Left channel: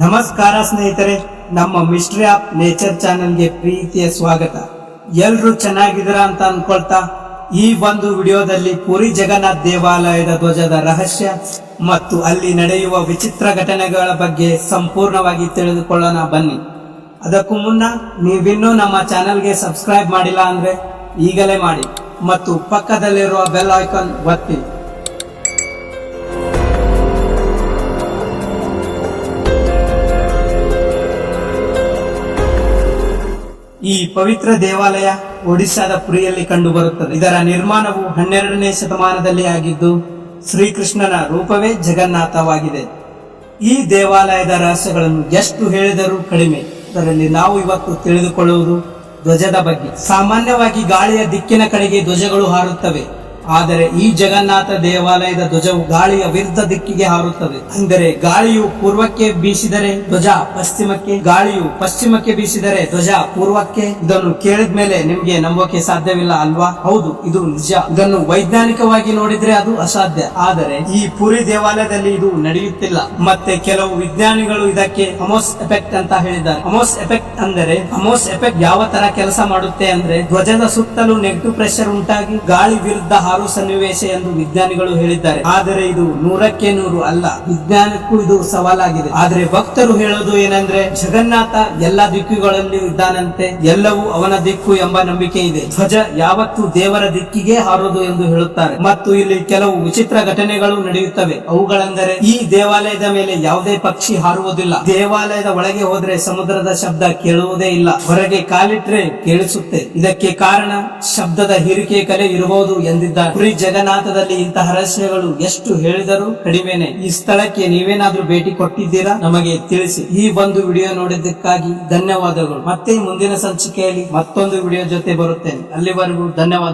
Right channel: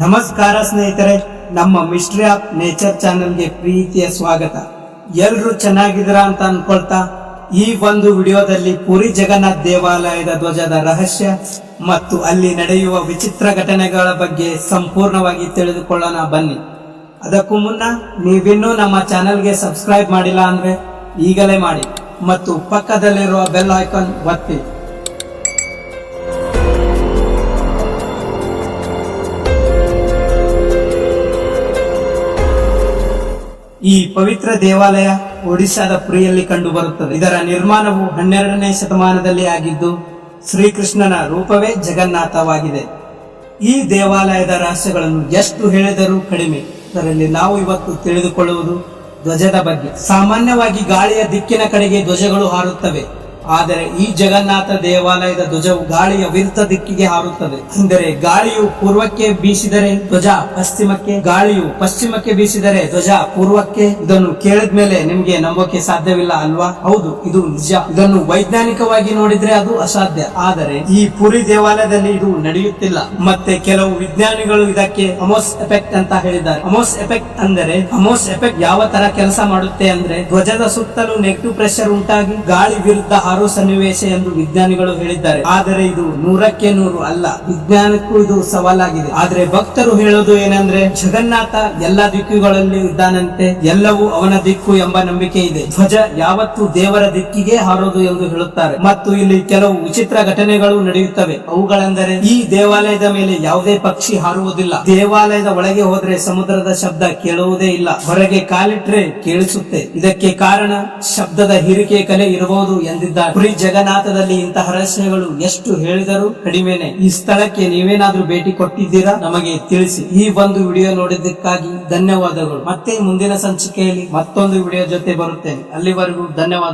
ನಮಸ್ಕಾರ ಸ್ನೇಹಿತರೆ, ನಮ್ಮ ಮಿಸ್ಟ್ರಿ ಆಫ್ ನೇಚರ್ ಚಾನೆಲ್ಗೆ ಪ್ರೀತಿಯ ಸ್ವಾಗತ. ಎಲ್ಲರೂ ಚೆನ್ನಾಗಿದ್ದೀರಾ ಅಂತ ಅನ್ಕೊಳ್ತಾ, ಈ ಒಂದು ವಿಡಿಯೋದಲ್ಲಿ ಪುರಿ ಜಗನ್ನಾಥ್ ದೇವಾಲಯದ ಧ್ವಜದ ರಹಸ್ಯ ಮತ್ತು ಅಲ್ಲಿ ನಡೆಯುವ ವಿಚಿತ್ರ ಘಟನೆಗಳ ಬಗ್ಗೆ ಸಂಪೂರ್ಣವಾಗಿ ತಿಳಿದುಕೊಳ್ಳೋಣ ಬನ್ನಿ. ಅದಕ್ಕೂ ಮುನ್ನ ನೀವಿನ್ನೂ ನಮ್ಮ ಚಾನೆಲ್ಗೆ ಸಬ್ಸ್ಕ್ರೈಬ್ ಮಾಡಿಲ್ಲ ಅಂದರೆ ಈಗಲೇ ಮಾಡಿ ಮತ್ತು ಪಕ್ಕದಲ್ಲಿರುವ ಬೆಲ್ ಐಕಾನ್ ಒತ್ತಿ. ಈ ಪವಿತ್ರ ದೇವಾಲಯ ಒಡಿಶಾದ ಪುರಿಯಲ್ಲಿ ಕಂಡುಬರುತ್ತದೆ ಇದರ ನಿರ್ಮಾಣವು ಹನ್ನೆರಡನೇ ಶತಮಾನದಲ್ಲಿ ಆಗಿದ್ದು, ಶ್ರೀಕೃಷ್ಣನ ರೂಪವೇ ಜಗನ್ನಾಥವಾಗಿದೆ. ಈ ದೇವಾಲಯದ ರಹಸ್ಯಗಳನ್ನು ಎಷ್ಟು ಹೇಳಿದರೂ ಕಡಿಮೆ. ಇದರಲ್ಲಿ ನಾವು ಇವತ್ತು ತಿಳಿದುಕೊಳ್ಳುವುದು ಧ್ವಜದ ಬಗ್ಗೆ. ಸಾಮಾನ್ಯವಾಗಿ ಗಾಳಿಯ ದಿಕ್ಕಿನ ಕಡೆಗೆ ಧ್ವಜಗಳು ಹಾರುತ್ತವೆ. ಆದರೆ ಈ ಜಗನ್ನಾಥ ದೇವಾಲಯದ ಧ್ವಜವು ಗಾಳಿಯ ವಿರುದ್ಧ ದಿಕ್ಕಿಗೆ ಹಾರುತ್ತದೆ. ಅಂದರೆ ಗಾಳಿಯು ಪೂರ್ವಕ್ಕೆ ಬೀಸಿದರೆ ಧ್ವಜ ಪಶ್ಚಿಮಕ್ಕೆ, ಗಾಳಿಯು ಪಶ್ಚಿಮಕ್ಕೆ ಬೀಸಿದರೆ ಧ್ವಜ ಪೂರ್ವಕ್ಕೆ. ಇದನ್ನು ಕೇಳಿದ ಮೇಲೆ ನಿಮ್ಗೆ ನಂಬೋಕೆ ಸಾಧ್ಯವಿಲ್ಲ ಅಲ್ವಾ? ಹೌದು, ಇದು ನಿಜ. ಇದನ್ನು ವೈಜ್ಞಾನಿಕವಾಗಿ ನೋಡಿದ್ರೆ ಅದು ಅಸಾಧ್ಯ. ಆದರೆ ಈ ಪುರಿ ದೇವಾಲಯದಲ್ಲಿ ಇದು ನಡೆಯುತ್ತಿಲ್ಲ. ಮತ್ತೆ ಕೆಲವು ವಿಜ್ಞಾನಿಗಳು ಇದಕ್ಕೆ ಅಮೋಸ್ ಎಫೆಕ್ಟ್ ಅಂತ ಹೇಳಿದ್ದಾರೆ. ಅಮೋಸ್ ಎಫೆಕ್ಟ್ ಅಂದರೆ ಅಮೋಸ್ ಎಫೆಕ್ಟ್ ಯಾವ ತರ ಕೆಲಸ ಮಾಡುತ್ತೆ ಅಂದ್ರೆ ಧ್ವಜದ ಸುತ್ತಲೂ ನೆಗೆಟಿವ್ ಪ್ರೆಷರ್ ಉಂಟಾಗಿ ಗಾಳಿ ವಿರುದ್ಧ ಹಾರುವ ಸನ್ನಿವೇಶ ಎಂದು ವಿಜ್ಞಾನಿಗಳು ಹೇಳಿದ್ದಾರೆ. ಆದರೆ ಇದು ನೂರಕ್ಕೆ ನೂರು ಅಲ್ಲ, ವಿಜ್ಞಾನಕ್ಕೂ ಇದು ಸವಾಲಾಗಿದೆ. ಆದ್ರೆ ಭಕ್ತರು ಹೇಳೋದು ಏನಂದ್ರೆ, ಜಗನ್ನಾಥ ಎಲ್ಲ ದಿಕ್ಕುಗಳಲ್ಲಿ ಇದ್ದಾನಂತೆ, ಎಲ್ಲವೂ ಅವನ ದಿಕ್ಕು ಎಂಬ ನಂಬಿಕೆ ಇದೆ. ಧ್ವಜ ಯಾವತ್ತೂ ದೇವರ ದಿಕ್ಕಿಗೆ ಹಾರೋದು ಎಂದು ಹೇಳುತ್ತಾರೆ. ಮತ್ತು ಇಲ್ಲಿ ಕೆಲವು ವಿಚಿತ್ರ ಘಟನೆಗಳು ನಡೆಯುತ್ತವೆ. ಅವುಗಳೆಂದರೆ, ಈ ದೇವಾಲಯದ ಮೇಲೆ ಯಾವುದೇ ಪಕ್ಷಿ ಹಾರುವುದಿಲ್ಲ. ದೇವಾಲಯದ ಒಳಗೆ ಹೋದ್ರೆ ಸಮುದ್ರದ ಶಬ್ದ ಕೇಳುವುದೇ ಇಲ್ಲ. ಹೊರಗೆ ಕಾಲಿಟ್ರೆ ಕೇಳಿಸುತ್ತೆ. ಇದಕ್ಕೆ ಕಾರಣ, ಶಬ್ದದ ಹೀರಿಕೆ ಕಲೆ ಇರಬಹುದು ಎಂದಿದ್ದಾರೆ. ಪುರಿ ಜಗನ್ನಾಥದಲ್ಲಿ ಇಂತಹ ರಹಸ್ಯಗಳು ಎಷ್ಟು ಹೇಳಿದರೂ ಕಡಿಮೆನೆ. ಈ ಸ್ಥಳಕ್ಕೆ ನೀವೇನಾದ್ರೂ ಭೇಟಿ ಕೊಟ್ಟಿದ್ದೀರಾ? ನಮಗೆ ತಿಳಿಸಿ. ಈ ಒಂದು ವಿಡಿಯೋ ನೋಡಿದ್ದಕ್ಕಾಗಿ ಧನ್ಯವಾದಗಳು. ಮತ್ತೆ ಮುಂದಿನ ಸಂಚಿಕೆಯಲ್ಲಿ ಮತ್ತೊಂದು ವಿಡಿಯೋ ಜೊತೆ ಬರುತ್ತೇನೆ. ಅಲ್ಲಿವರೆಗೂ ಧನ್ಯವಾದ